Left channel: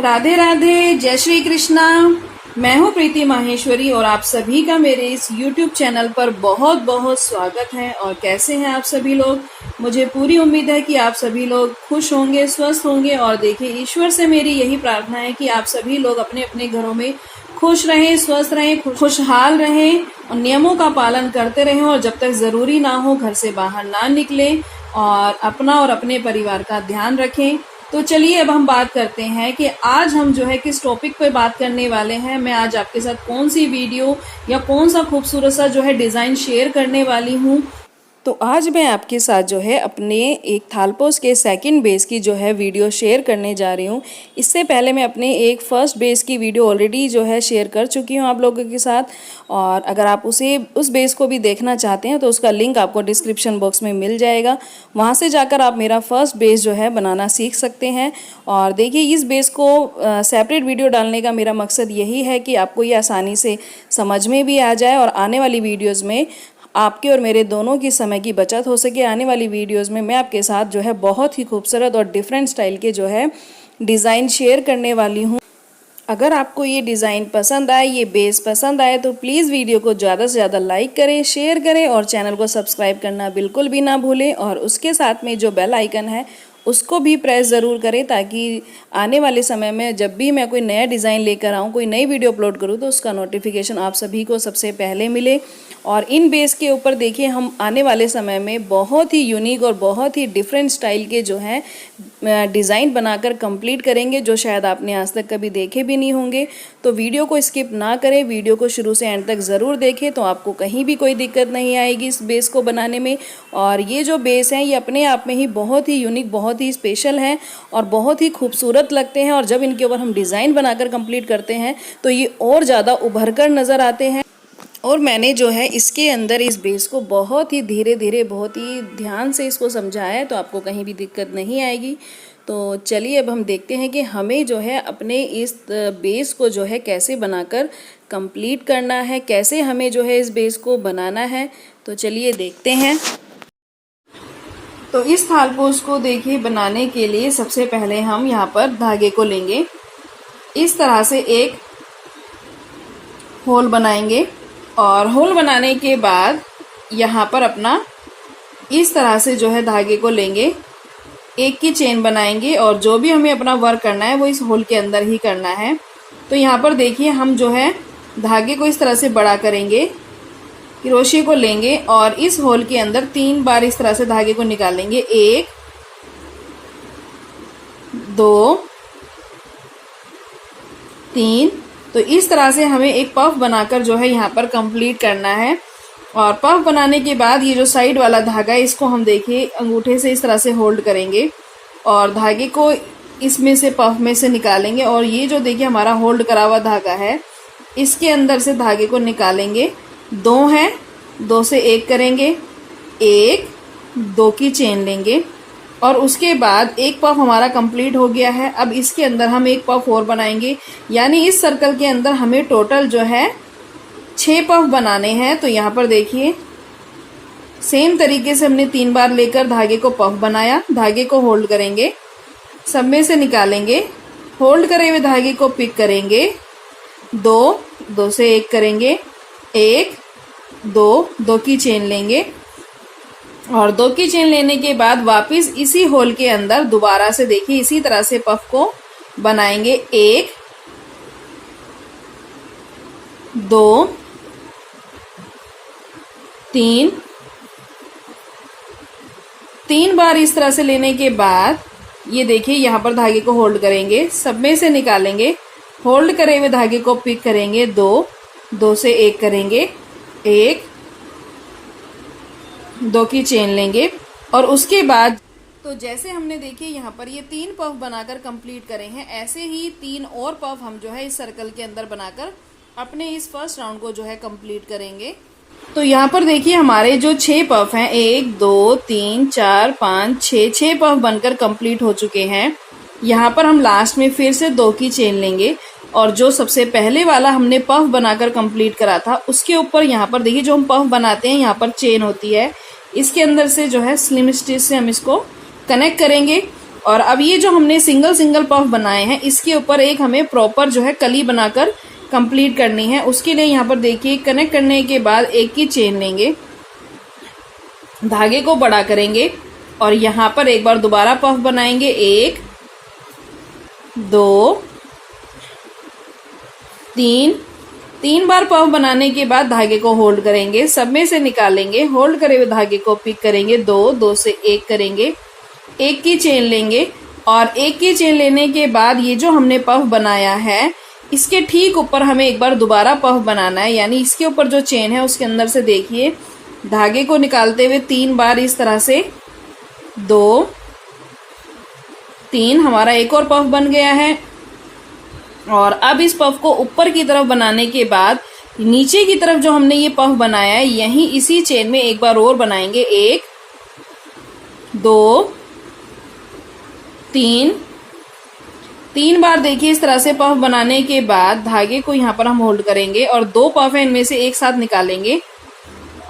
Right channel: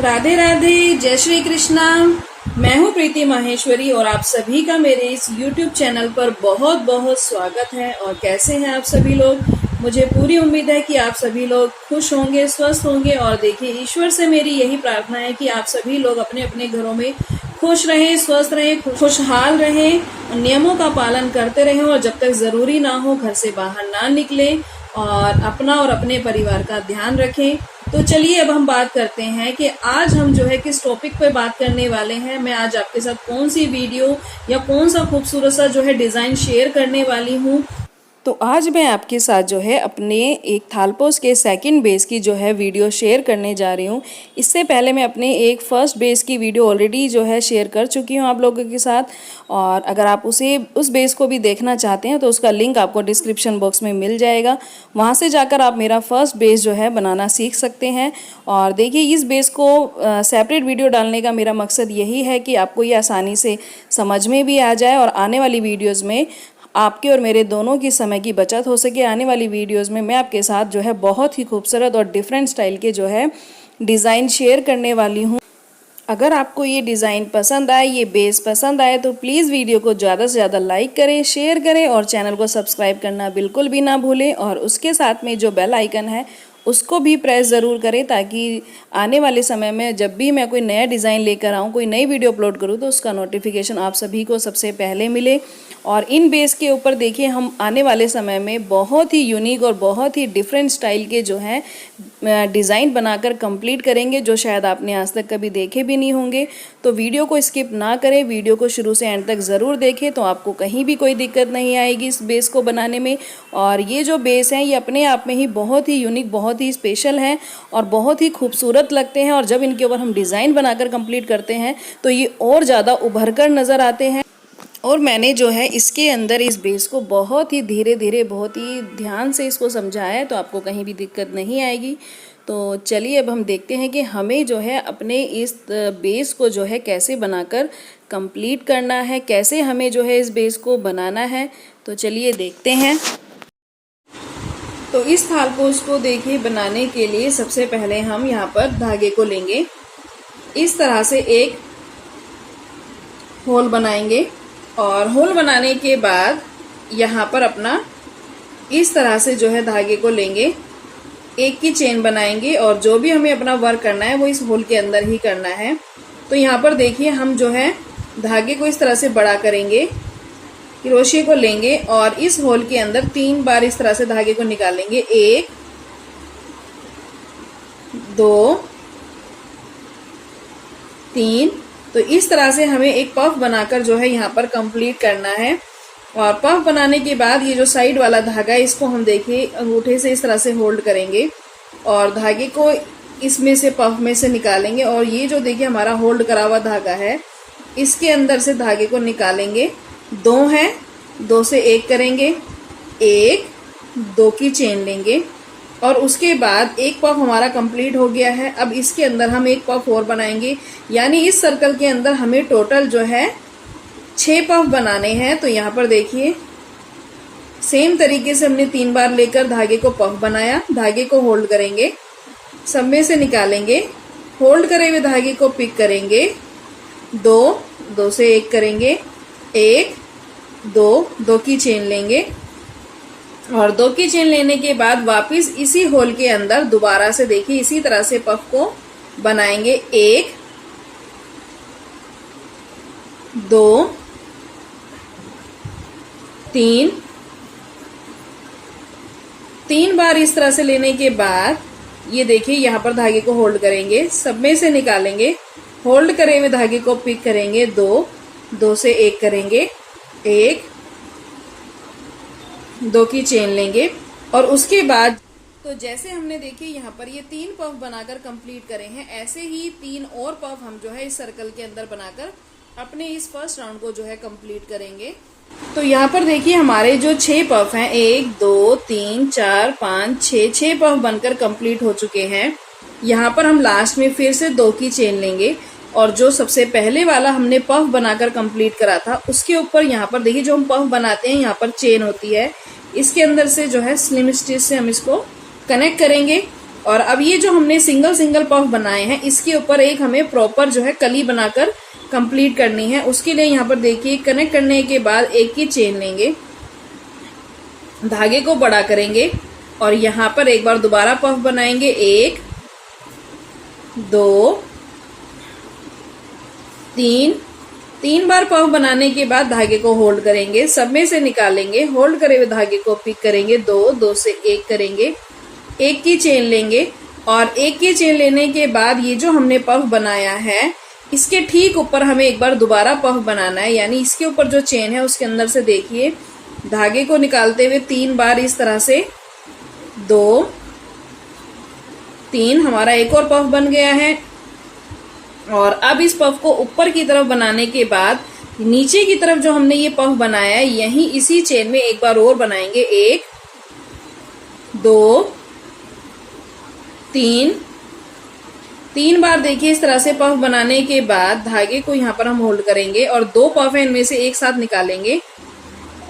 राधे राधे, जय श्री कृष्णा। मैं हूँ प्रीति माहेश्वरी और आप सभी का मेरे इस YouTube चैनल पर बहुत बहुत स्वागत है। और कैसे हैं आप सभी लोग? मुझे पूरी उम्मीद है कि आप सभी लोग खुश होंगे, स्वस्थ होंगे। और देखिए, ईश्वर से मेरी यही प्रार्थना है कि आप सभी लोग अपने अपने घरों में खुश रहें, स्वस्थ रहें, खुशहाल रहें और नियमों का पालन करते रहें। और जब तक जरूरी ना हो घर से बाहर ना निकलें और अपना और अपने परिवार का ध्यान रखें। तो चलिए अब हम बात करते हैं कि आज हम जो है किस टॉपिक पे बात करने वाले हैं। मैं आज आपके साथ कौन सी वीडियो या कौन सा खूबसूरत सा जो है डिजाइन शेयर करने वाली हूँ। तो आज मैं आपके साथ जो है अपने एक थालपोस के सेकंड बेस की जो है वीडियो शेयर करने जा रही हूँ। इससे पहले मैं अपने एक फर्स्ट बेस की वीडियो ऑलरेडी जो है शेयर कर चुकी हूँ आप लोगों के साथ। और अगर आप उस बेस को भी देखना चाहते हैं तो उसका लिंक आपको डिस्क्रिप्शन बॉक्स में मिल जाएगा। वहाँ से जाकर आप मेरा फर्स्ट बेस जो है बनाना सीख सकते हैं। और देखिए, इस बेस को सेपरेट वीडियो डालने का मेरा मकसद यही है कि आपको ये आसानी से समझ में भी आ जाए और आने वाली वीडियोज़ में आपके और मेरे दोनों की समय की बचत हो सके। आने वाली वीडियोस में मैं आपके साथ जो है बहुत ही खूबसूरत और डिफरेंट स्टाइल के जो है डिज़ाइन शेयर करने वाली हूँ। अगर आपको ये डिज़ाइन पसंद आए, ये बेस पसंद आए तो प्लीज़ वीडियो को ज़्यादा से ज़्यादा लाइक करें, शेयर करें और चैनल को सब्सक्राइब करना बिल्कुल भी ना भूलें। और उसके साथ में जो बेल आइकन है उसको भी प्रेस ज़रूर करें ताकि आने वाले समय में जब भी मैं कोई नया डिज़ाइन लेकर आऊँ, कोई नई वीडियो अपलोड करूँ तो उसका नोटिफिकेशन आप सभी को सबसे पहले मिले। और इन बेस के ऊपर देखिए, हम आने वाले समय में बहुत ही यूनिक और बहुत ही डिफरेंट स्टाइल के जो हैं डिज़ाइन बनाकर कंप्लीट करेंगे, जो शायद आपने आज तक कभी देखे भी नहीं होंगे। तो वीडियो को स्किप ना करें, वीडियो को शुरू से एंड तक ज़रूर देखें तो आपको कहीं भी कोई दिक्कत नहीं आएगी इस बेस को बनाने में। और ये जो बेस हैं ये अपने आप में ही बहुत ही यूनिक, बहुत ही स्पेशल हैं और बहुत ही खूबसूरत लगते हैं। और जब इनके ऊपर हम डिज़ाइन बनाकर कंप्लीट करते हैं तो ये और ज़्यादा उभर कर नज़र आते हैं। और मैंने जो है इसके अंदर इस बेस को बहुत ही धीरे धीरे, बहुत ही ध्यान से इसको समझाया है तो आपको कहीं भी दिक्कत नहीं आएगी। तो चलिए अब हम देखते हैं कि हमें जो है अपने इस बेस को जो है कैसे बनाकर कंप्लीट करना है, कैसे हमें जो है इस बेस को बनाना है। तो चलिए देखते हैं। तो इस थालपोस को देखिए बनाने के लिए सबसे पहले हम यहाँ पर धागे को लेंगे, इस तरह से एक होल बनाएंगे और होल बनाने के बाद यहाँ पर अपना इस तरह से जो है धागे को लेंगे, एक की चेन बनाएंगे और जो भी हमें अपना वर्क करना है वो इस होल के अंदर ही करना है। तो यहाँ पर देखिए, हम जो है धागे को इस तरह से बड़ा करेंगे, क्रोशे को लेंगे और इस होल के अंदर 3 बार इस तरह से धागे को निकालेंगे। 1 2 3। तो इस तरह से हमें एक पफ बनाकर जो है यहाँ पर कंप्लीट करना है। और पफ बनाने के बाद ये जो साइड वाला धागा है इसको हम देखिए अंगूठे से इस तरह से होल्ड करेंगे और धागे को इसमें से, पफ में से निकालेंगे। और ये जो देखिए हमारा होल्ड करा हुआ धागा है इसके अंदर से धागे को निकालेंगे। 2 है, 2 से 1 करेंगे, 1 2 की चेन लेंगे और उसके बाद एक पफ हमारा कंप्लीट हो गया है। अब इसके अंदर हम एक पफ और बनाएंगे, यानी इस सर्कल के अंदर हमें टोटल जो है 6 पफ बनाने हैं। तो यहाँ पर देखिए सेम तरीके से हमने 3 बार लेकर धागे को पफ बनाया, धागे को होल्ड करेंगे, सब में से निकालेंगे, होल्ड करे हुए धागे को पिक करेंगे, 2 2 से 1 करेंगे, 1 2 2 की चेन लेंगे और 2 की चेन लेने के बाद वापस इसी होल के अंदर दोबारा से देखिए इसी तरह से पफ को बनाएंगे। 1 2 3 3 बार इस तरह से लेने के बाद ये देखिए यहाँ पर धागे को होल्ड करेंगे, सब में से निकालेंगे, होल्ड करे हुए धागे को पिक करेंगे, 2 2 से 1 करेंगे, 1 2 की चेन लेंगे और उसके बाद तो जैसे हमने देखिए यहाँ पर ये 3 पफ बनाकर कंप्लीट करे हैं, ऐसे ही 3 और पफ हम जो है इस सर्कल के अंदर बनाकर अपने इस फर्स्ट राउंड को जो है कंप्लीट करेंगे। तो यहाँ पर देखिए हमारे जो 6 पफ हैं, 1 2 3 4 5 6 पफ बनकर कंप्लीट हो चुके हैं। यहाँ पर हम लास्ट में फिर से 2 की चेन लेंगे और जो सबसे पहले वाला हमने पफ बनाकर कंप्लीट करा था उसके ऊपर यहाँ पर देखिए जो हम पफ बनाते हैं यहाँ पर चेन होती है, इसके अंदर से जो है स्लिम स्टिच से हम इसको कनेक्ट करेंगे और अब ये जो हमने सिंगल सिंगल पफ बनाए हैं इसके ऊपर एक हमें प्रॉपर जो है कली बनाकर कंप्लीट करनी है। उसके लिए यहाँ पर देखिए कनेक्ट करने के बाद एक की चेन लेंगे, धागे को बड़ा करेंगे और यहाँ पर एक बार दोबारा पफ बनाएंगे, 1 2 3। 3 बार पफ बनाने के बाद धागे को होल्ड करेंगे, सब में से निकालेंगे, होल्ड करे हुए धागे को पिक करेंगे, 2 2 से 1 करेंगे, एक की चेन लेंगे और एक की चेन लेने के बाद ये जो हमने पफ बनाया है इसके ठीक ऊपर हमें एक बार दोबारा पफ बनाना है, यानी इसके ऊपर जो चेन है उसके अंदर से देखिए धागे को निकालते हुए 3 बार इस तरह से 2 3 हमारा एक और पफ बन गया है। और अब इस पफ को ऊपर की तरफ बनाने के बाद नीचे की तरफ जो हमने ये पफ बनाया है यहीं इसी चेन में एक बार और बनाएंगे, 1 2 3। 3 बार देखिए इस तरह से पफ बनाने के बाद धागे को यहाँ पर हम होल्ड करेंगे और 2 पफ है इनमें से एक साथ निकालेंगे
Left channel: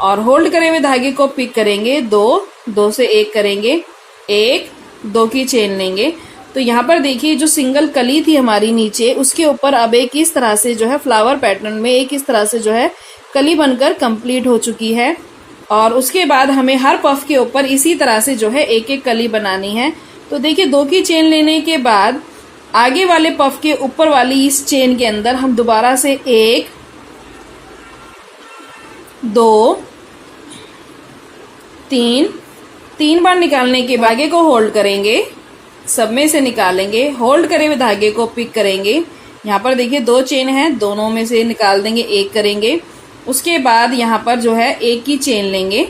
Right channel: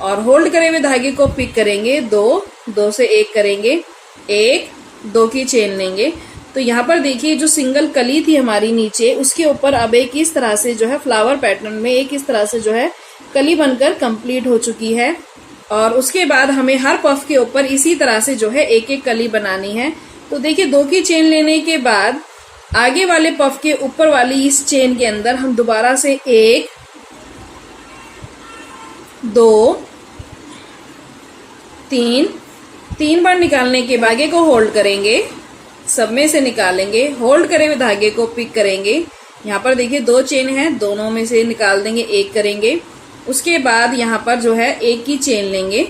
और होल्ड करे हुए धागे को पिक करेंगे, 2 2 से 1 करेंगे, 1 2 की चेन लेंगे। तो यहाँ पर देखिए जो सिंगल कली थी हमारी नीचे उसके ऊपर अब एक इस तरह से जो है फ्लावर पैटर्न में एक इस तरह से जो है कली बनकर कंप्लीट हो चुकी है। और उसके बाद हमें हर पफ के ऊपर इसी तरह से जो है एक एक कली बनानी है। तो देखिए 2 की चेन लेने के बाद आगे वाले पफ के ऊपर वाली इस चेन के अंदर हम दोबारा से 1 2 3 बार निकालने के धागे को होल्ड करेंगे, सब में से निकालेंगे, होल्ड करे हुए धागे को पिक करेंगे। यहाँ पर देखिए 2 चेन है, दोनों में से निकाल देंगे, 1 करेंगे। उसके बाद यहाँ पर जो है एक की चेन लेंगे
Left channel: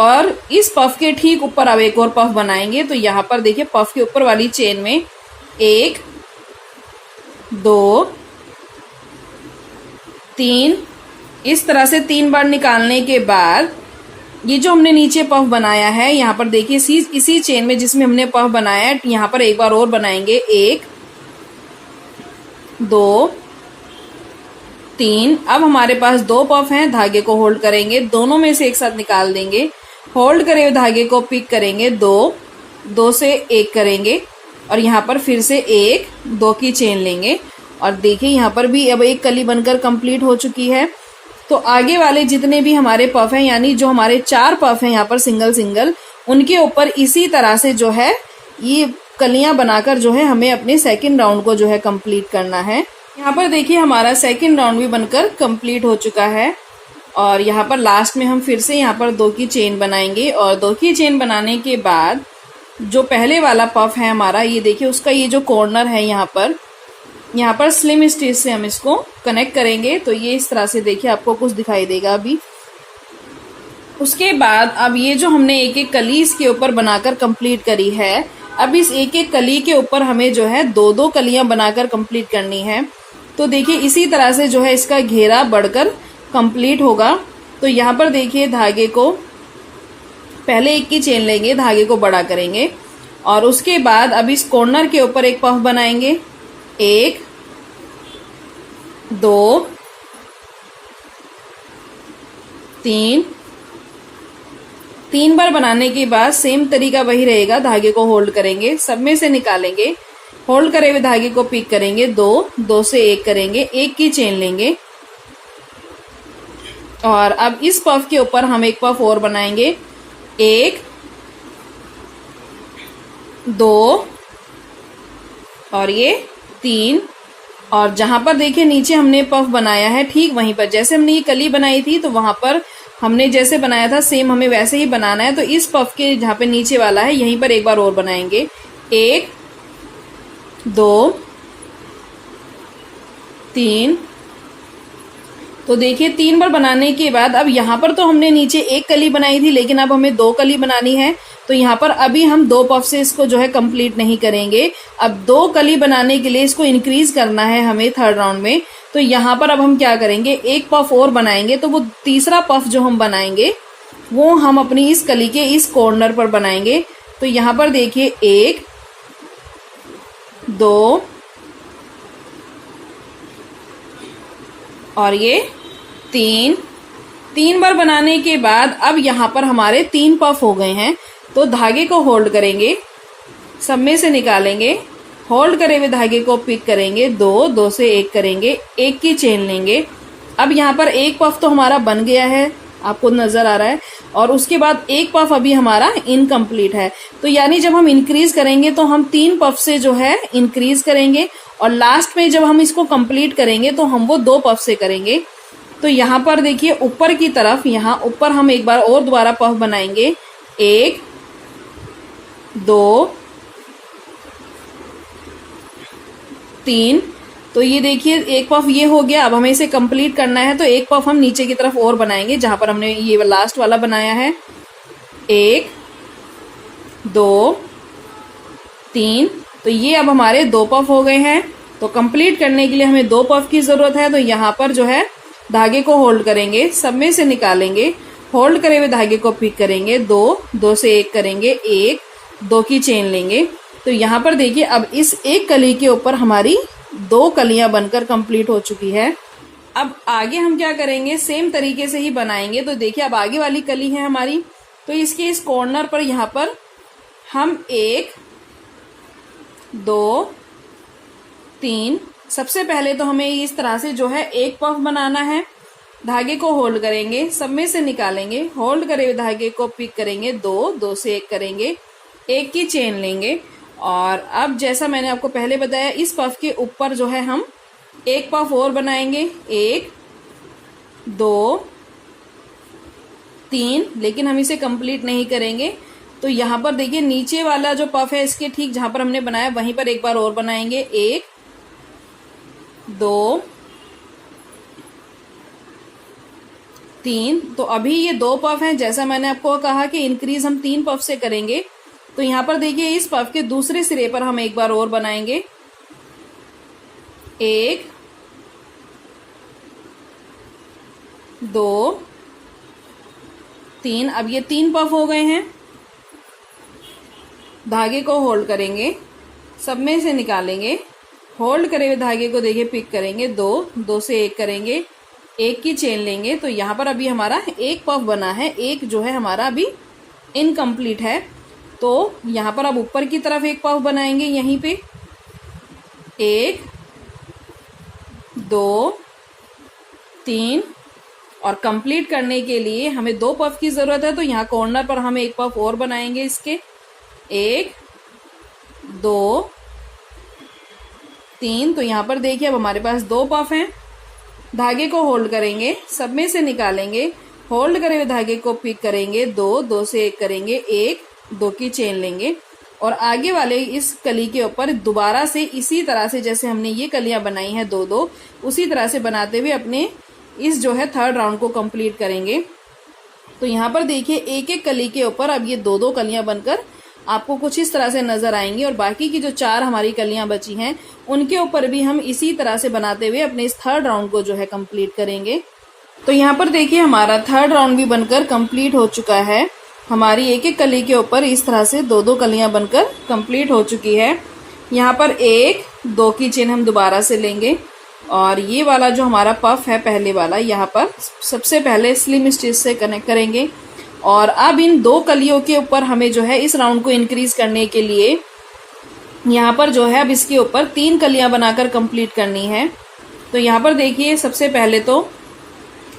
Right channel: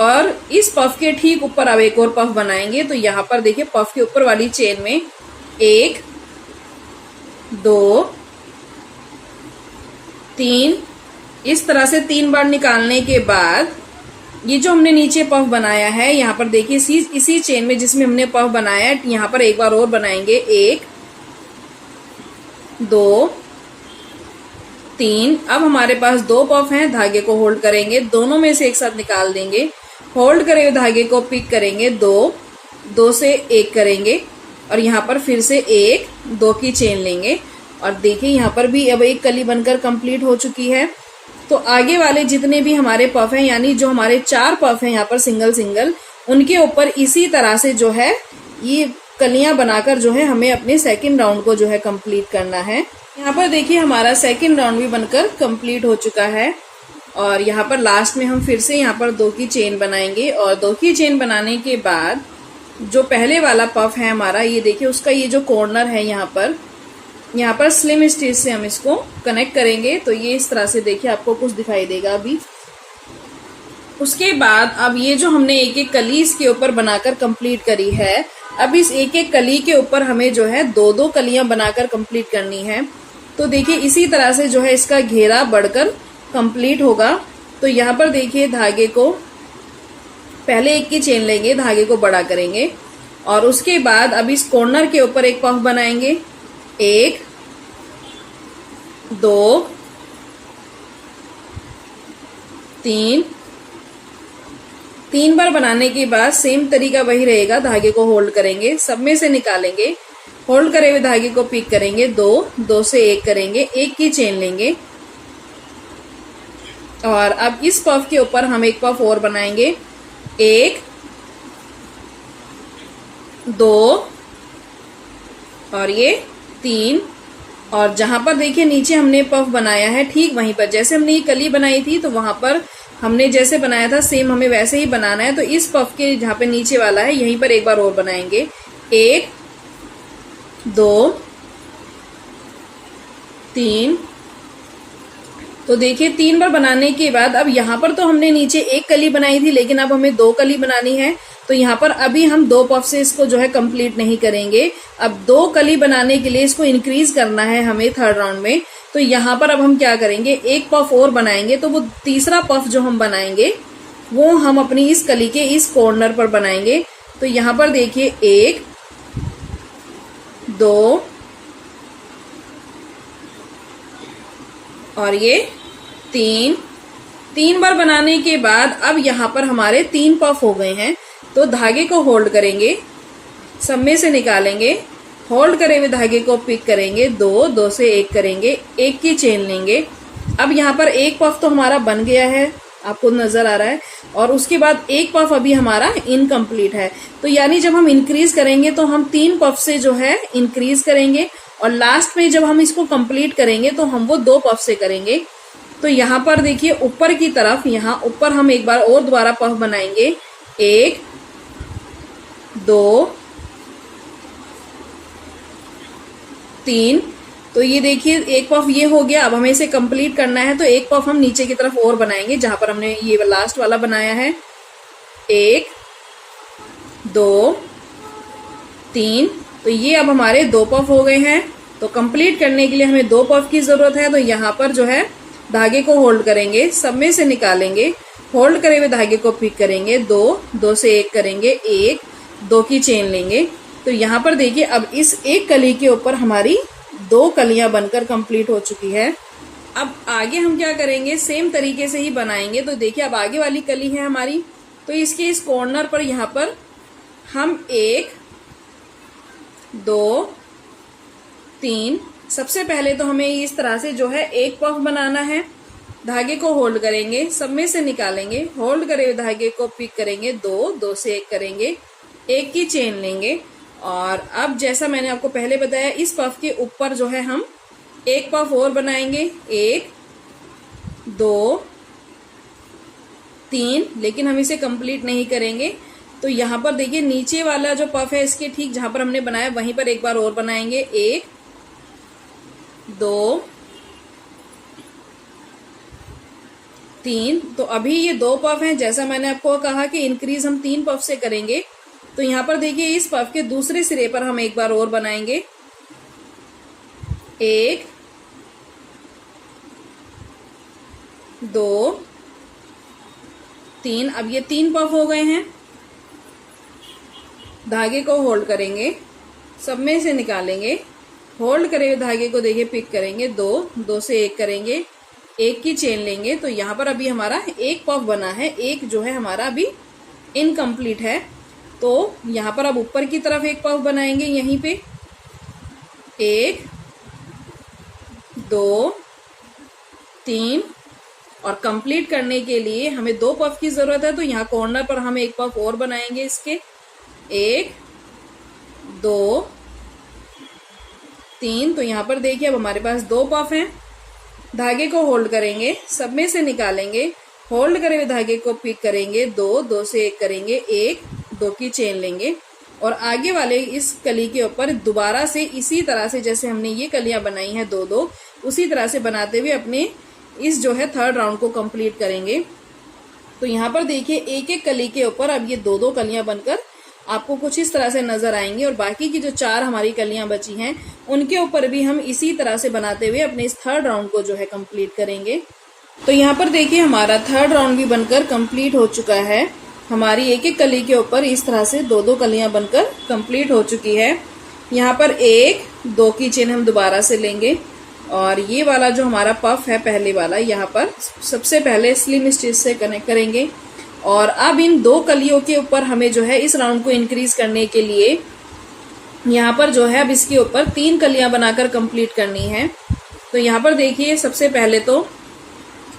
और इस पफ के ठीक ऊपर अब एक और पफ बनाएंगे। तो यहाँ पर देखिए पफ के ऊपर वाली चेन में 1 2 3 इस तरह से 3 बार निकालने के बाद ये जो हमने नीचे पफ बनाया है यहाँ पर देखिए इसी चेन में जिसमें हमने पफ बनाया है यहाँ पर एक बार और बनाएंगे, 1 2 3। अब हमारे पास 2 पफ हैं, धागे को होल्ड करेंगे, दोनों में से एक साथ निकाल देंगे, होल्ड करे हुए धागे को पिक करेंगे, 2 2 से 1 करेंगे और यहाँ पर फिर से 1 2 की चेन लेंगे। और देखिए यहाँ पर भी अब एक कली बनकर कंप्लीट हो चुकी है। तो आगे वाले जितने भी हमारे पफ हैं यानी जो हमारे 4 पफ हैं यहाँ पर सिंगल सिंगल उनके ऊपर इसी तरह से जो है ये कलियां बनाकर जो है हमें अपने सेकंड राउंड को जो है कंप्लीट करना है। यहाँ पर देखिए हमारा सेकंड राउंड भी बनकर कंप्लीट हो चुका है। और यहाँ पर लास्ट में हम फिर से यहाँ पर 2 की चेन बनाएंगे और 2 की चेन बनाने के बाद जो पहले वाला पफ है हमारा ये देखिए उसका ये जो कॉर्नर है यहाँ पर स्लिम स्टिच से हम इसको कनेक्ट करेंगे। तो ये इस तरह से देखिए आपको कुछ दिखाई देगा अभी। उसके बाद अब ये जो हमने एक एक कली इसके ऊपर बनाकर कंप्लीट करी है, अब इस एक एक कली के ऊपर हमें जो है 2-2 कलियां बनाकर कंप्लीट करनी है। तो देखिए इसी तरह से जो है इसका घेरा बढ़कर कंप्लीट होगा। तो यहाँ पर देखिए धागे को पहले एक की चेन लेंगे, धागे को बड़ा करेंगे और उसके बाद अब इस कॉर्नर के ऊपर एक पफ बनाएंगे, 1 2 3 बार बनाने के बाद सेम तरीका वही रहेगा, धागे को होल्ड करेंगे, सब में से निकालेंगे, होल्ड करे हुए धागे को पिक करेंगे, 2 2 से 1 करेंगे, एक की चेन लेंगे और अब इस पफ के ऊपर हम एक पफ और बनाएंगे, 1 2 और ये 3। और जहां पर देखिए नीचे हमने पफ बनाया है ठीक वहीं पर जैसे हमने ये कली बनाई थी तो वहां पर हमने जैसे बनाया था सेम हमें वैसे ही बनाना है। तो इस पफ के जहां पे नीचे वाला है यहीं पर एक बार और बनाएंगे, 1 2 3। तो देखिए 3 बार बनाने के बाद अब यहाँ पर तो हमने नीचे एक कली बनाई थी लेकिन अब हमें 2 कली बनानी है। तो यहाँ पर अभी हम 2 पफ से इसको जो है कंप्लीट नहीं करेंगे, अब 2 कली बनाने के लिए इसको इंक्रीज करना है हमें थर्ड राउंड में। तो यहाँ पर अब हम क्या करेंगे, एक पफ और बनाएंगे। तो वो तीसरा पफ जो हम बनाएंगे वो हम अपनी इस कली के इस कॉर्नर पर बनाएंगे। तो यहाँ पर देखिए 1 2 और ये 3 बार बनाने के बाद अब यहाँ पर हमारे 3 पफ हो गए हैं। तो धागे को होल्ड करेंगे, सब में से निकालेंगे, होल्ड करे हुए धागे को पिक करेंगे, दो, दो से एक करेंगे, एक की चेन लेंगे। अब यहाँ पर एक पफ तो हमारा बन गया है, आपको नजर आ रहा है, और उसके बाद एक पफ अभी हमारा इनकम्प्लीट है। तो यानी जब हम इंक्रीज करेंगे तो हम 3 पफ से जो है इंक्रीज करेंगे, और लास्ट में जब हम इसको कंप्लीट करेंगे तो हम वो 2 पफ से करेंगे। तो यहाँ पर देखिए ऊपर की तरफ, यहाँ ऊपर हम एक बार और दोबारा पफ बनाएंगे, 1 2 3। तो ये देखिए एक पफ ये हो गया। अब हमें इसे कंप्लीट करना है, तो एक पफ हम नीचे की तरफ और बनाएंगे जहां पर हमने ये लास्ट वाला बनाया है, 1 2 3। तो ये अब हमारे 2 पफ हो गए हैं। तो कंप्लीट करने के लिए हमें 2 पफ की जरूरत है। तो यहाँ पर जो है धागे को होल्ड करेंगे, सब में से निकालेंगे, होल्ड करे हुए धागे को पिक करेंगे, 2 2 से एक करेंगे, 1 2 की चेन लेंगे। तो यहाँ पर देखिए अब इस एक कली के ऊपर हमारी 2 कलियां बनकर कंप्लीट हो चुकी है। अब आगे हम क्या करेंगे, सेम तरीके से ही बनाएंगे। तो देखिए अब आगे वाली कली है हमारी, तो इसके इस कॉर्नर पर यहाँ पर हम 1 2 3, सबसे पहले तो हमें इस तरह से जो है एक पफ बनाना है। धागे को होल्ड करेंगे, सब में से निकालेंगे, होल्ड करे हुए धागे को पिक करेंगे, 2 2 से एक करेंगे, एक की चेन लेंगे। और अब जैसा मैंने आपको पहले बताया, इस पफ के ऊपर जो है हम एक पफ और बनाएंगे, 1 2 3, लेकिन हम इसे कंप्लीट नहीं करेंगे। तो यहाँ पर देखिए नीचे वाला जो पफ है इसके ठीक जहां पर हमने बनाया वहीं पर एक बार और बनाएंगे, 1 2 3। तो अभी ये 2 पफ हैं, जैसा मैंने आपको कहा कि इंक्रीज हम 3 पफ से करेंगे। तो यहाँ पर देखिए इस पफ के दूसरे सिरे पर हम एक बार और बनाएंगे, 1 2 3। अब ये 3 पफ हो गए हैं। धागे को होल्ड करेंगे, सब में से निकालेंगे, होल्ड करे हुए धागे को देखिए पिक करेंगे, 2 2 से एक करेंगे, एक की चेन लेंगे। तो यहाँ पर अभी हमारा एक पफ बना है, एक जो है हमारा अभी इनकम्प्लीट है। तो यहाँ पर अब ऊपर की तरफ एक पफ बनाएंगे, यहीं पे 1 2 3। और कंप्लीट करने के लिए हमें 2 पफ की जरूरत है। तो यहाँ कॉर्नर पर हम एक पफ और बनाएंगे इसके, 1 2 3। तो यहाँ पर देखिए अब हमारे पास 2 पफ हैं। धागे को होल्ड करेंगे, सब में से निकालेंगे, होल्ड करे हुए धागे को पिक करेंगे, 2 2 से एक करेंगे, 1 2 की चेन लेंगे। और आगे वाले इस कली के ऊपर दोबारा से इसी तरह से जैसे हमने ये कलियां बनाई हैं 2 2, उसी तरह से बनाते हुए अपने इस जो है 3rd राउंड को कंप्लीट करेंगे। तो यहाँ पर देखिए एक एक कली के ऊपर अब ये 2 2 कलियां बनकर आपको कुछ इस तरह से नजर आएंगी, और बाकी की जो 4 हमारी कलियां बची हैं उनके ऊपर भी हम इसी तरह से बनाते हुए अपने इस 3rd राउंड को जो है कंप्लीट करेंगे। तो यहाँ पर देखिए हमारा 3rd राउंड भी बनकर कंप्लीट हो चुका है। हमारी एक एक कली के ऊपर इस तरह से 2 2 कलियां बनकर कंप्लीट हो चुकी है। यहाँ पर 1 2 की चेन हम दोबारा से लेंगे, और ये वाला जो हमारा पफ है पहले वाला, यहाँ पर सबसे पहले स्लिम स्टिच से कनेक्ट करेंगे। और अब इन 2 कलियों के ऊपर हमें जो है इस राउंड को इंक्रीज करने के लिए यहाँ पर जो है अब इसके ऊपर 3 कलियां बनाकर कंप्लीट करनी है। तो यहाँ पर देखिए सबसे पहले तो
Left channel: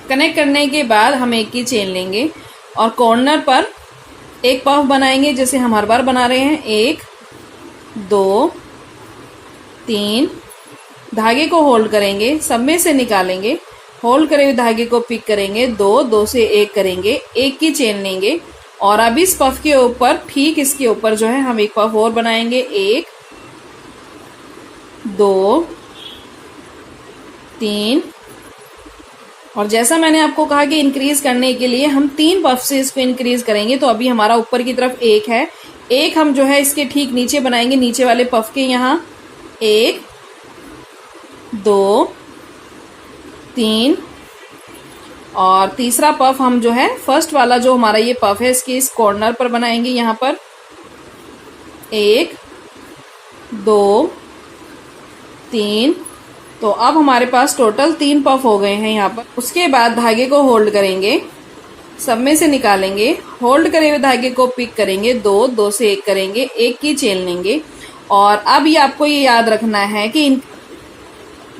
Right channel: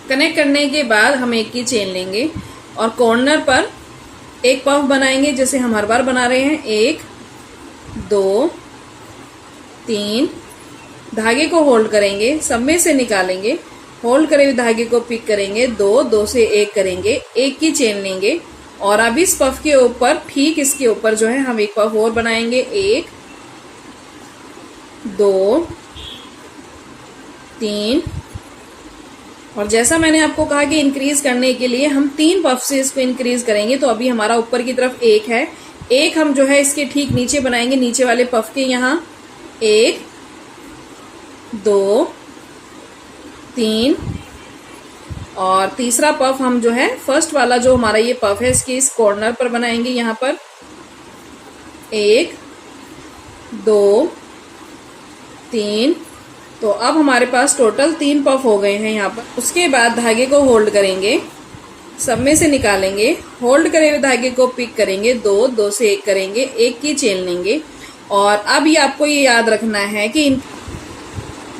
कनेक्ट करने के बाद हम एक की चेन लेंगे, और कॉर्नर पर एक पफ बनाएंगे जैसे हम हर बार बना रहे हैं, 1 2 3। धागे को होल्ड करेंगे, सब में से निकालेंगे, होल्ड करे हुए धागे को पिक करेंगे, 2 2 से एक करेंगे, एक की चेन लेंगे। और अब इस पफ के ऊपर ठीक इसके ऊपर जो है हम एक पफ और बनाएंगे, 1 2 3। और जैसा मैंने आपको कहा कि इंक्रीज करने के लिए हम 3 पफ से इसको इंक्रीज करेंगे। तो अभी हमारा ऊपर की तरफ 1 है, एक हम जो है इसके ठीक नीचे बनाएंगे, नीचे वाले पफ के यहाँ, 1 2 3। और तीसरा पफ हम जो है फर्स्ट वाला जो हमारा ये पफ है इसके इस कॉर्नर पर बनाएंगे, यहाँ पर 1 2 3। तो अब हमारे पास टोटल 3 पफ हो गए हैं यहाँ पर। उसके बाद धागे को होल्ड करेंगे, सब में से निकालेंगे, होल्ड करे हुए धागे को पिक करेंगे, दो, दो से एक करेंगे, एक की चेन लेंगे। और अब ये आपको ये याद रखना है कि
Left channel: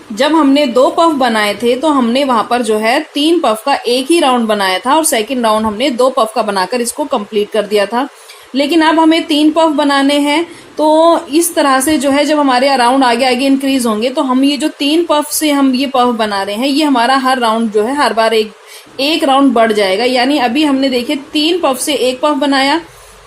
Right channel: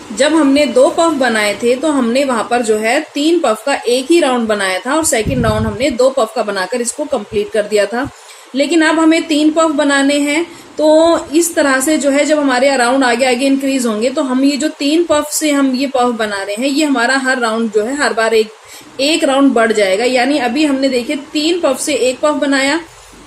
जब हमने 2 पफ बनाए थे तो हमने वहां पर जो है 3 पफ का एक ही राउंड बनाया था और सेकंड राउंड हमने 2 पफ का बनाकर इसको कंप्लीट कर दिया था। लेकिन अब हमें 3 पफ बनाने हैं, तो इस तरह से जो है जब हमारे राउंड आगे आगे इंक्रीज होंगे तो हम ये जो 3 पफ से हम ये पफ बना रहे हैं, ये हमारा हर राउंड जो है हर बार एक राउंड बढ़ जाएगा। यानी अभी हमने देखे 3 पफ से एक पफ बनाया,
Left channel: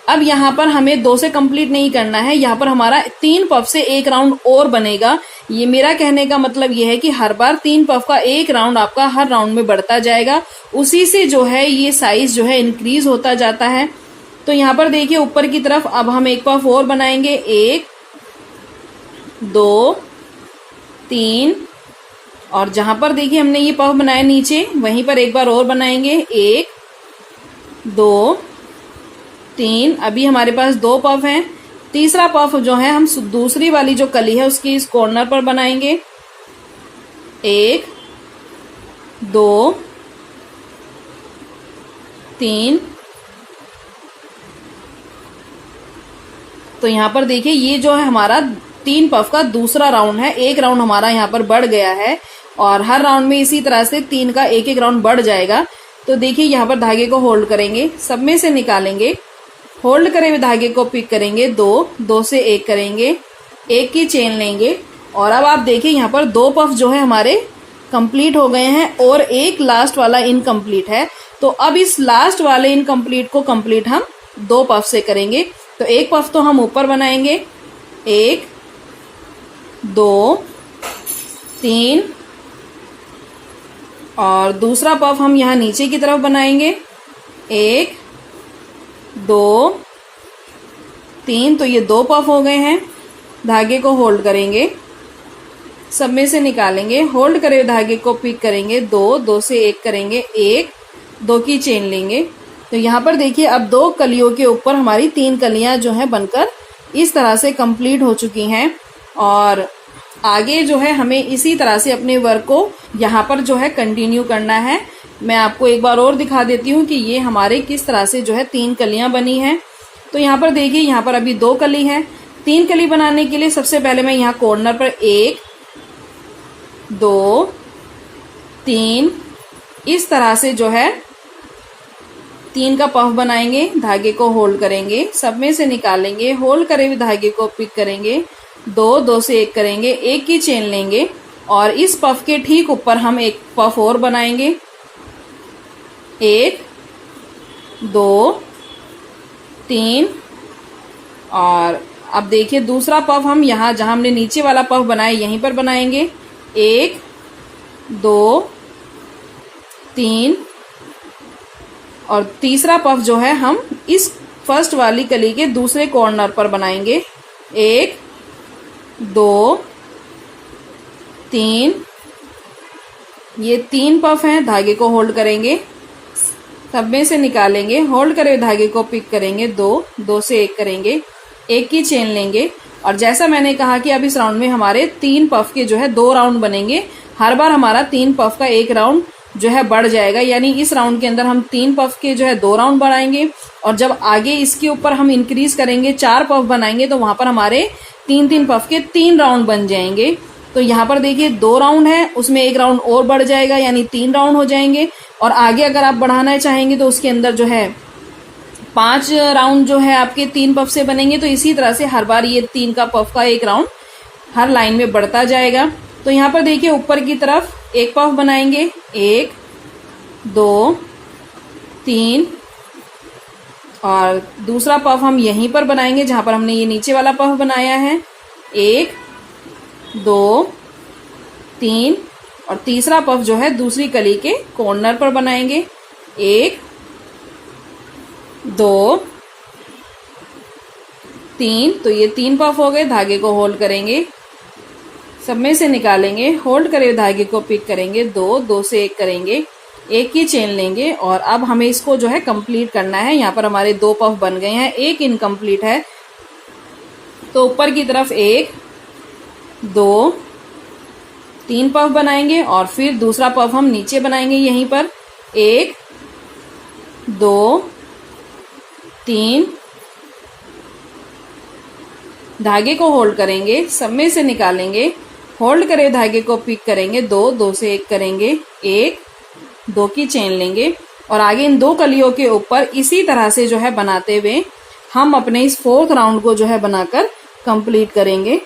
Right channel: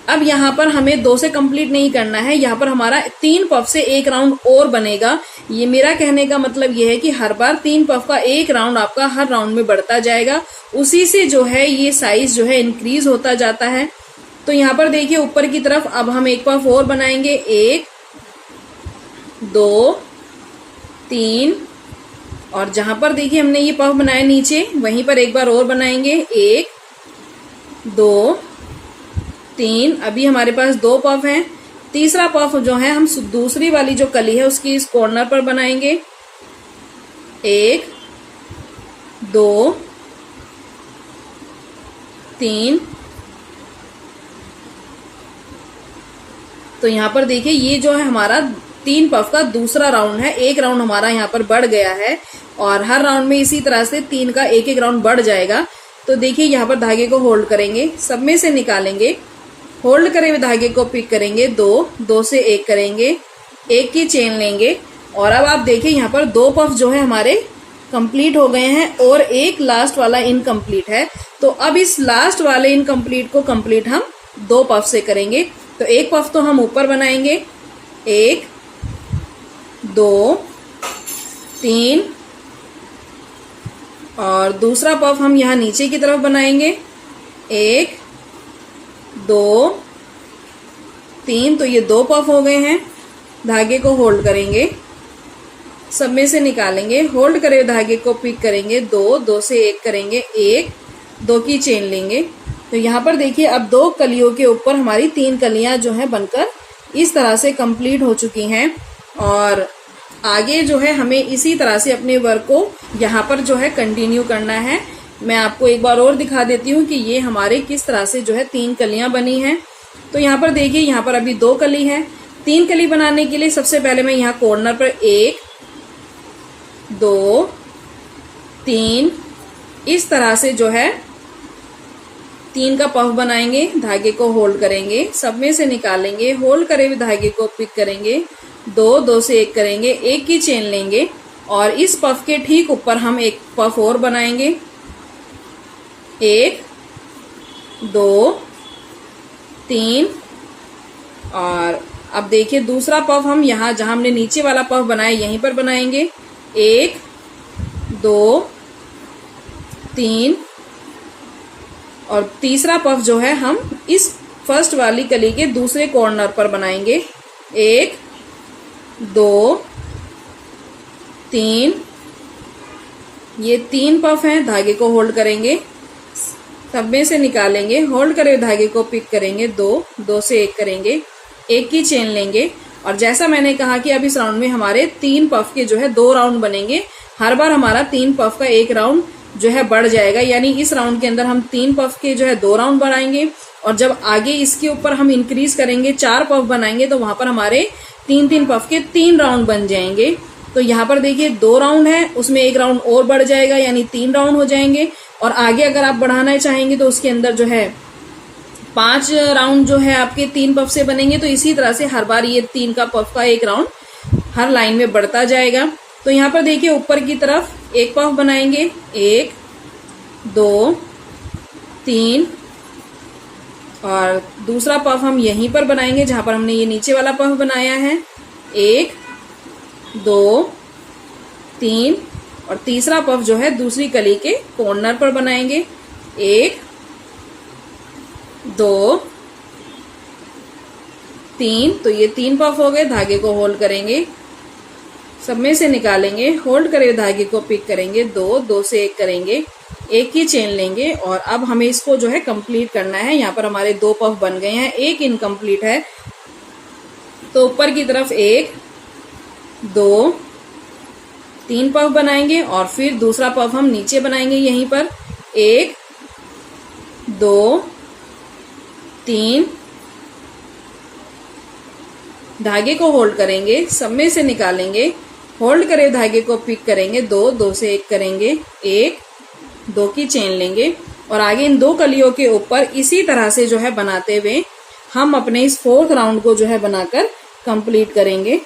अब यहाँ पर हमें 2 से कंप्लीट नहीं करना है, यहाँ पर हमारा 3 पफ से एक राउंड और बनेगा। ये मेरा कहने का मतलब ये है कि हर बार 3 पफ का एक राउंड आपका हर राउंड में बढ़ता जाएगा, उसी से जो है ये साइज जो है इंक्रीज होता जाता है। तो यहाँ पर देखिए ऊपर की तरफ अब हम एक पफ और बनाएंगे, 1 2 3, और जहां पर देखिए हमने ये पफ बनाया नीचे वहीं पर एक बार और बनाएंगे, 1 2 3। अभी हमारे पास 2 पफ हैं, तीसरा पफ जो है हम दूसरी वाली जो कली है उसकी इस कॉर्नर पर बनाएंगे, 1 2 3। तो यहाँ पर देखिए ये जो है हमारा 3 पफ का दूसरा राउंड है, एक राउंड हमारा यहाँ पर बढ़ गया है और हर राउंड में इसी तरह से 3 का एक राउंड बढ़ जाएगा। तो देखिए यहाँ पर धागे को होल्ड करेंगे, सब में से निकालेंगे, होल्ड करे हुए धागे को पिक करेंगे, 2 2 से एक करेंगे, एक की चेन लेंगे। और अब आप देखिए यहाँ पर 2 पफ जो है हमारे कंप्लीट हो गए हैं और एक लास्ट वाला इनकम्प्लीट है। तो अब इस लास्ट वाले इनकम्प्लीट को कंप्लीट हम 2 पफ से करेंगे। तो एक पफ तो हम ऊपर बनाएंगे, 1 2 3, और दूसरा पफ हम यहाँ नीचे की तरफ बनाएंगे, 1 2 3। तो ये 2 पफ हो गए हैं। धागे को होल्ड करेंगे, सब में से निकालेंगे, होल्ड करे धागे को पिक करेंगे, 2 2 से एक करेंगे, 1 2 की चेन लेंगे। तो यहाँ पर देखिए अब 2 कलियों के ऊपर हमारी 3 कलियां जो है बनकर इस तरह से कंप्लीट हो चुकी हैं। और आगे जो है हमें इसी तरह से अपने वर्क को यहाँ पर जो है कंटिन्यू करना है। मैं आपको एक बार और दिखा देती हूँ कि ये हमारे किस तरह से जो है 3 कलियां बनी हैं। तो यहाँ पर देखिए यहाँ पर अभी 2 कली है। 3 कली बनाने के लिए सबसे पहले मैं यहाँ कॉर्नर पर 1 2 3 इस तरह से जो है 3 का पफ बनाएंगे, धागे को होल्ड करेंगे, सब में से निकालेंगे, होल्ड करे हुए धागे को पिक करेंगे, 2 2 से एक करेंगे, एक की चेन लेंगे और इस पफ के ठीक ऊपर हम एक पफ और बनाएंगे, 1 2 3। और अब देखिए दूसरा पफ हम यहाँ जहां हमने नीचे वाला पफ बनाया यहीं पर बनाएंगे, 1 2 3। और तीसरा पफ जो है हम इस फर्स्ट वाली कली के दूसरे कॉर्नर पर बनाएंगे, 1 2 3। ये 3 पफ हैं। धागे को होल्ड करेंगे, सब में से निकालेंगे, होल्ड करे धागे को पिक करेंगे, 2 2 से एक करेंगे, एक की चेन लेंगे। और जैसा मैंने कहा कि अब इस राउंड में हमारे 3 पफ के जो है 2 राउंड बनेंगे, हर बार हमारा 3 पफ का एक राउंड जो है बढ़ जाएगा। यानी इस राउंड के अंदर हम 3 पफ के जो है 2 राउंड बढ़ाएंगे और जब आगे इसके ऊपर हम इंक्रीज करेंगे 4 पफ बनाएंगे तो वहां पर हमारे 3 पफ के 3 राउंड बन जाएंगे। तो यहाँ पर देखिए 2 राउंड है, उसमें एक राउंड और बढ़ जाएगा यानी 3 राउंड हो जाएंगे। और आगे अगर आप बढ़ाना चाहेंगे तो उसके अंदर जो है 5 राउंड जो है आपके 3 पफ से बनेंगे। तो इसी तरह से हर बार ये 3 का पफ का एक राउंड हर लाइन में बढ़ता जाएगा। तो यहाँ पर देखिए ऊपर की तरफ एक पफ बनाएंगे, 1 2 3, और दूसरा पफ हम यहीं पर बनाएंगे जहां पर हमने ये नीचे वाला पफ बनाया है, 1 2 3। और तीसरा पफ जो है दूसरी कली के कॉर्नर पर बनाएंगे, 1 2 3। तो ये 3 पफ हो गए। धागे को होल्ड करेंगे, सब में से निकालेंगे, होल्ड करे धागे को पिक करेंगे, 2 2 से एक करेंगे, एक की चेन लेंगे। और अब हमें इसको जो है कंप्लीट करना है। यहाँ पर हमारे 2 पफ बन गए हैं, एक इनकम्प्लीट है। तो ऊपर की तरफ 1 2 3 पफ बनाएंगे और फिर दूसरा पफ हम नीचे बनाएंगे यहीं पर, 1 2 3, धागे को होल्ड करेंगे, सब में से निकालेंगे, होल्ड करे धागे को पिक करेंगे, 2 से 1 करेंगे, 1 2 की चेन लेंगे और आगे इन 2 कलियों के ऊपर इसी तरह से जो है बनाते हुए हम अपने इस 4th राउंड को जो है बनाकर कंप्लीट करेंगे।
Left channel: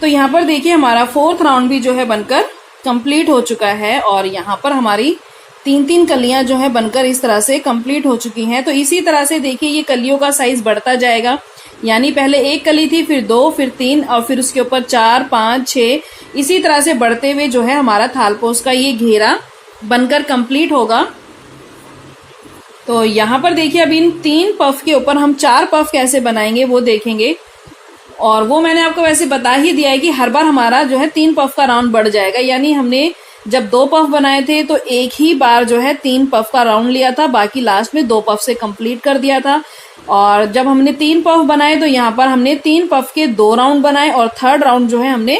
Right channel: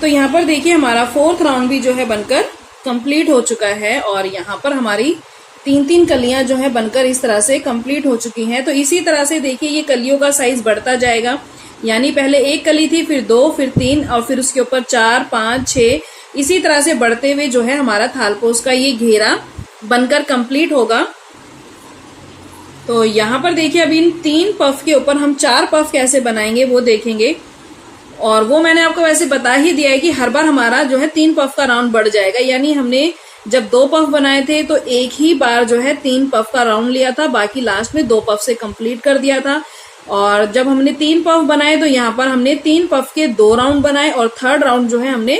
तो यहाँ पर देखिए हमारा 4th राउंड भी जो है बनकर कंप्लीट हो चुका है और यहाँ पर हमारी 3 कलियां जो है बनकर इस तरह से कंप्लीट हो चुकी हैं। तो इसी तरह से देखिए ये कलियों का साइज बढ़ता जाएगा, यानी पहले 1 कली थी, फिर 2, फिर 3 और फिर उसके ऊपर 4 5 6, इसी तरह से बढ़ते हुए जो है हमारा थालपोस का ये घेरा बनकर कंप्लीट होगा। तो यहाँ पर देखिए अब इन 3 पफ के ऊपर हम 4 पफ कैसे बनाएंगे वो देखेंगे और वो मैंने आपको वैसे बता ही दिया है कि हर बार हमारा जो है 3 पफ का राउंड बढ़ जाएगा। यानी हमने जब 2 पफ बनाए थे तो एक ही बार जो है 3 पफ का राउंड लिया था, बाकी लास्ट में 2 पफ से कंप्लीट कर दिया था। और जब हमने 3 पफ बनाए तो यहाँ पर हमने 3 पफ के 2 राउंड बनाए और 3rd राउंड जो है हमने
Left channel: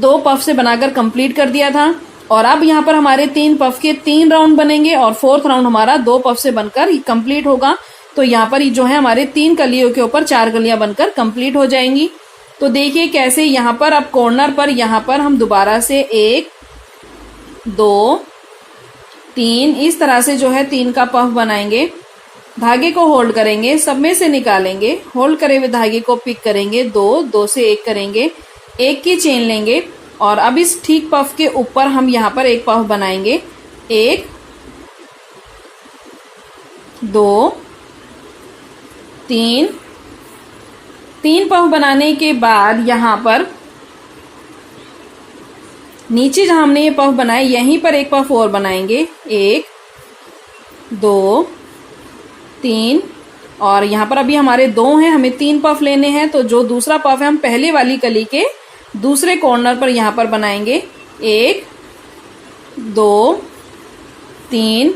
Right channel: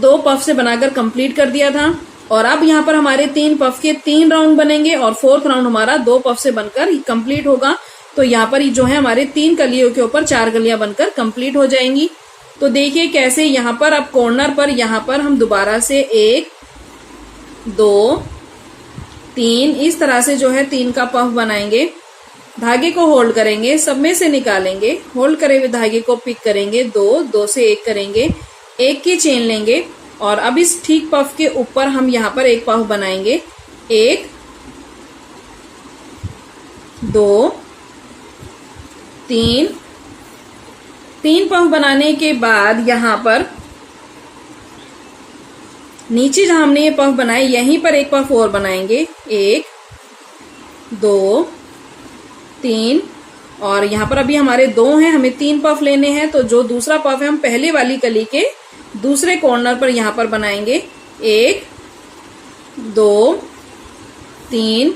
2 पफ से बनाकर कंप्लीट कर दिया था। और अब यहाँ पर हमारे 3 पफ के 3 राउंड बनेंगे और 4th राउंड हमारा 2 पफ से बनकर कंप्लीट होगा। तो यहाँ पर जो है हमारे 3 कलियों के ऊपर 4 कलियां बनकर कंप्लीट हो जाएंगी। तो देखिए कैसे यहाँ पर अब कॉर्नर पर यहाँ पर हम दोबारा से 1 2 3 इस तरह से जो है 3 का पफ बनाएंगे, धागे को होल्ड करेंगे, सब में से निकालेंगे, होल्ड करे हुए धागे को पिक करेंगे, 2 से 1 करेंगे, 1 की चेन लेंगे और अब इस ठीक पफ के ऊपर हम यहाँ पर एक पफ बनाएंगे, 1 2 3 पफ बनाने के बाद यहाँ पर नीचे जहां हमने ये पफ बनाए यहीं पर एक पफ और बनाएंगे, 1 2 3 और यहाँ पर अभी हमारे 2 हैं, हमें 3 पफ लेने हैं। तो जो दूसरा पफ है हम पहले वाली कली के दूसरे कॉर्नर पर यहाँ पर बनाएंगे, 1 2 3।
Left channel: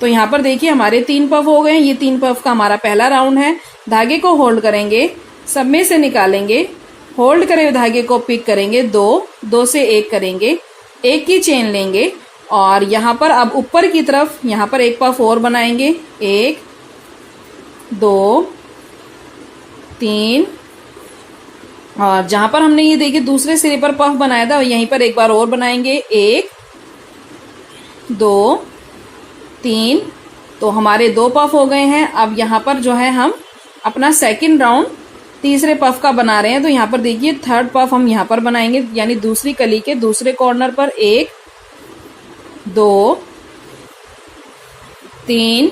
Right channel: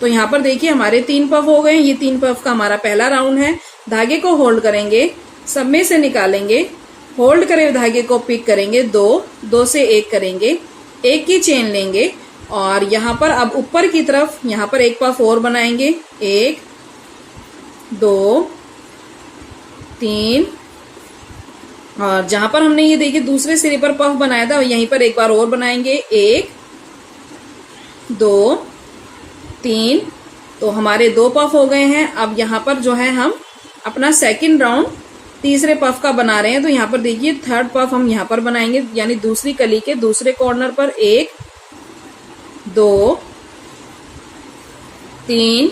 तो यहाँ पर देखिए हमारे 3 पफ हो गए हैं। ये 3 पफ का हमारा पहला राउंड है। धागे को होल्ड करेंगे, सब में से निकालेंगे, होल्ड करे हुए धागे को पिक करेंगे, 2 से 1 करेंगे, 1 की चेन लेंगे और यहाँ पर अब ऊपर की तरफ यहाँ पर एक पफ और बनाएंगे, 1 2 3 और जहां पर हमने ये देखिए दूसरे सिरे पर पफ बनाया था यहीं पर एक बार और बनाएंगे, 1 2 3। तो हमारे 2 पफ हो गए हैं। अब यहाँ पर जो है हम अपना सेकंड राउंड तीसरे पफ का बना रहे हैं। तो यहाँ पर देखिए 3rd पफ हम यहाँ पर बनाएंगे, यानी दूसरी कली के दूसरे कॉर्नर पर, 1 2 3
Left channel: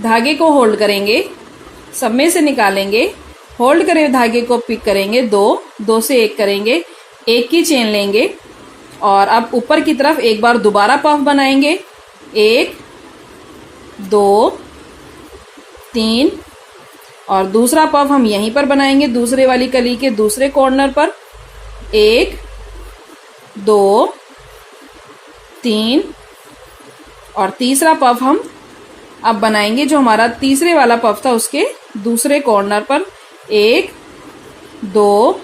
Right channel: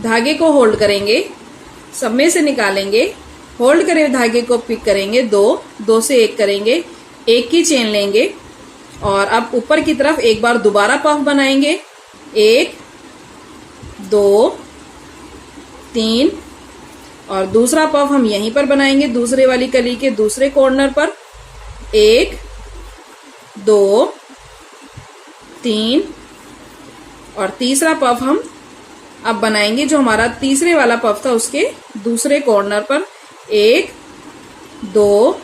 धागे को होल्ड करेंगे, सब में से निकालेंगे, होल्ड करे धागे को पिक करेंगे, 2 से 1 करेंगे, 1 की चेन लेंगे और अब ऊपर की तरफ एक बार दोबारा पफ बनाएंगे, 1 2 3 और दूसरा पफ हम यहीं पर बनाएंगे दूसरे वाली कली के दूसरे कॉर्नर पर, 1 2 3 और तीसरा पफ हम अब बनाएंगे जो हमारा तीसरे वाला पफ था उसके दूसरे कॉर्नर पर, 1 2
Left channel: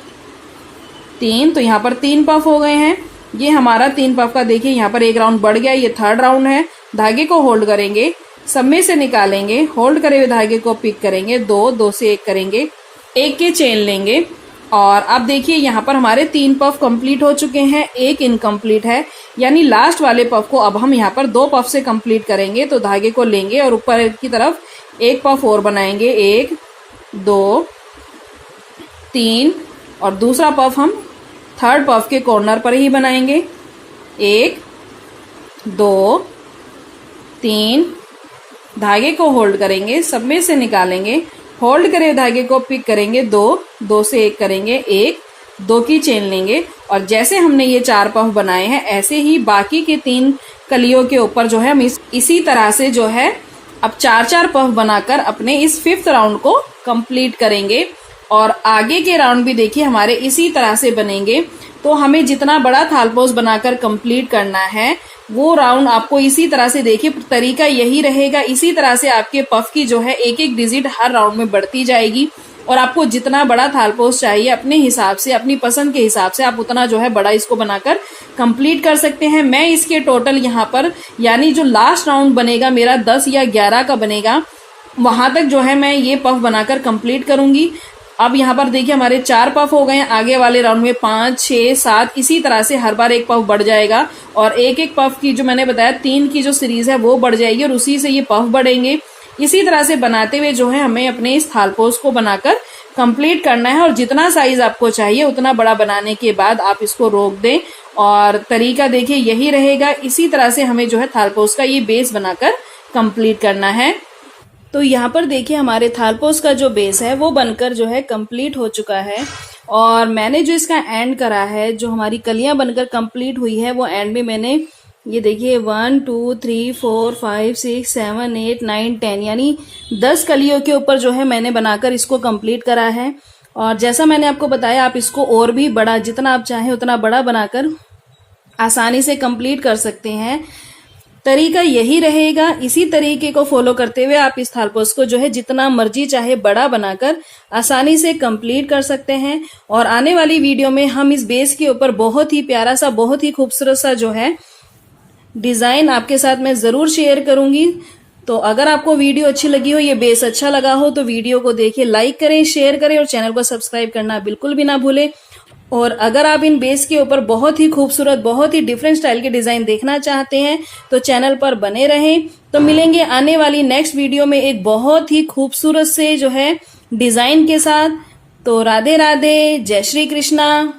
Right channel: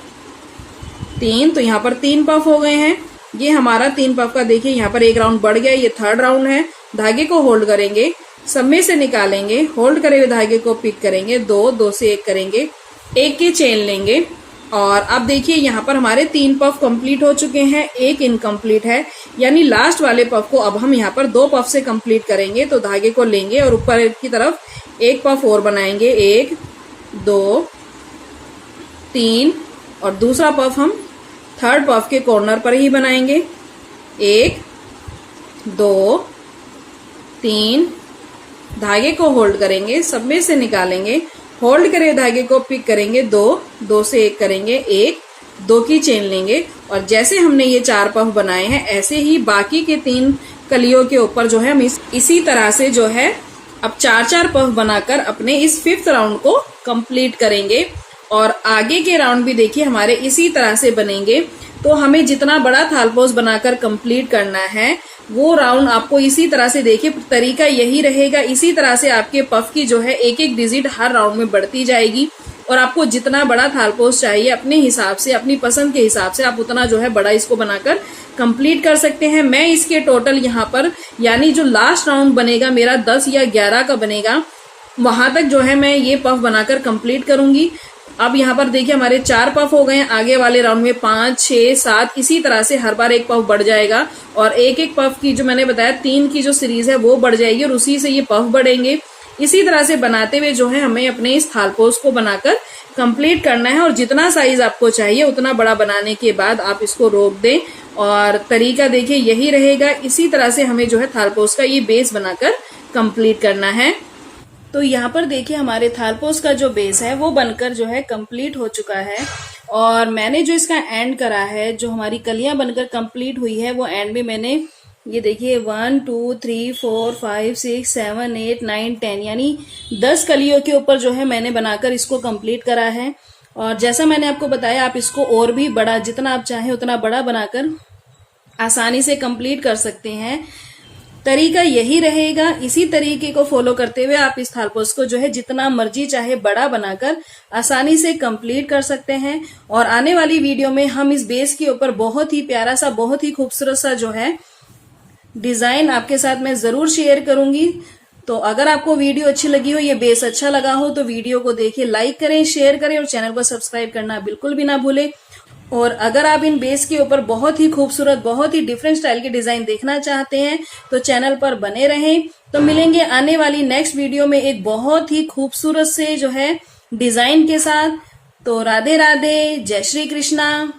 3। तो यहाँ पर 3 पफ हो गए हैं। ये हमारा 3 पफ का देखिए यहाँ पर एक राउंड बढ़ गया, ये 3rd राउंड है। धागे को होल्ड करेंगे, सब में से निकालेंगे, होल्ड करे हुए धागे को पिक करेंगे, 2 से 1 करेंगे, 1 की चेन लेंगे और अब देखिए यहाँ पर हमारे 3 पफ कंप्लीट हो चुके हैं, 1 इनकम्प्लीट है, यानी लास्ट वाले पफ को अब हम यहाँ पर 2 पफ से कंप्लीट करेंगे। तो धागे को लेंगे और ऊपर की तरफ एक पफ और बनाएंगे, 1 2 3 और दूसरा पफ हम 3rd पफ के कॉर्नर पर ही बनाएंगे, 1 2 3 धागे को होल्ड करेंगे, सब में से निकालेंगे, होल्ड करे धागे को पिक करेंगे, 2 से 1 करेंगे, 1 2 की चेन लेंगे और जैसे हमने ये 4 पफ बनाए हैं ऐसे ही बाकी के 3 कलियों के ऊपर जो है हम इसी तरह से जो है अब 4 पफ बनाकर अपने इस 5th राउंड को कंप्लीट करेंगे। और आगे के राउंड भी देखिए हमारे इसी तरह से बनेंगे। तो हमें जितना बड़ा थालपोस बनाकर कंप्लीट करना है वो राउंड आपको इसी तरह से देखिए तरीका यही रहेगा। इसी तरह से आपके पफ की जो है एक एक डिजिट हर राउंड में बढ़ती जाएगी और आपको जितना बड़ा थालपोस चाहिए अपने हिसाब से, अपनी पसंद के हिसाब से आप उतना जो है बड़ा इसको बनाकर कंप्लीट कर सकते हैं। मैं इसके टोटल यहाँ पर यानी जो लास्ट राउंड बनेगा मेरा 10 या 11 का बनेगा, वहां तक जो है मैं ये पफ बनाकर कंप्लीट करूंगी। अब यहाँ पर देखिए हमारे 4 पफ हो गए हैं, आगे वाले राउंड में 5, 6, 7 इसी तरह से हर बार एक पफ बढ़ जाएगा और एक एक पफ की जो मैंने बताया 3 की जो सीरीज है वो बढ़ जाएगी और उसी से ये पफ बढ़ेंगे। इसी तरह से बनाते हुए जो है हमें अपने इस थालपोस को बनाकर कंप्लीट करना है और जितना साइज आपको चाहिए उतना बड़ा बनाने के बाद आप इसको रोक दें और तरीका देखिए यही रहेगा। इसी तरह से हमें जो है थालपोस का ये बेस बनाकर कंप्लीट करना है। तो यहाँ पर देखिए हमारे थालपोस का जो बेस है वो बनकर जो है कंप्लीट हो चुका है और मैंने जो इसका एंड करा है, जो हमारी कलियां बनकर कंप्लीट हुई है वो एंड में मैंने ये देखिए 1 2 3 4 5 6 7 8 9 10 यानी 10 कलियों के ऊपर जो है मैंने बनाकर इसको कंप्लीट करा है। और जैसा मैंने आपको बताया आप इसको और भी बड़ा, जितना आप चाहें उतना बड़ा बनाकर आसानी से कंप्लीट कर सकते हैं। तरीका यही रहेगा, इसी तरीके को फॉलो करते हुए आप इस थालपोस को जो है जितना मर्जी चाहे बड़ा बनाकर आसानी से कंप्लीट कर सकते हैं। और आने वाली वीडियो में हम इस बेस के ऊपर बहुत ही प्यारा सा, बहुत ही खूबसूरत सा जो है डिजाइन आपके साथ मैं जरूर शेयर करूंगी। तो अगर आपको वीडियो अच्छी लगी हो, ये बेस अच्छा लगा हो तो वीडियो को देखिए, लाइक करें, शेयर करें और चैनल को सब्सक्राइब करना बिल्कुल भी ना भूलें। और अगर आप इन बेस के ऊपर बहुत ही खूबसूरत, बहुत ही डिफरेंट स्टाइल के डिजाइन देखना चाहते हैं तो चैनल पर बने रहें। तो मिलेंगे आने वाली नेक्स्ट वीडियो में एक बहुत ही खूबसूरत से जो है डिजाइन के साथ। तो राधे राधे, जय श्री कृष्णा।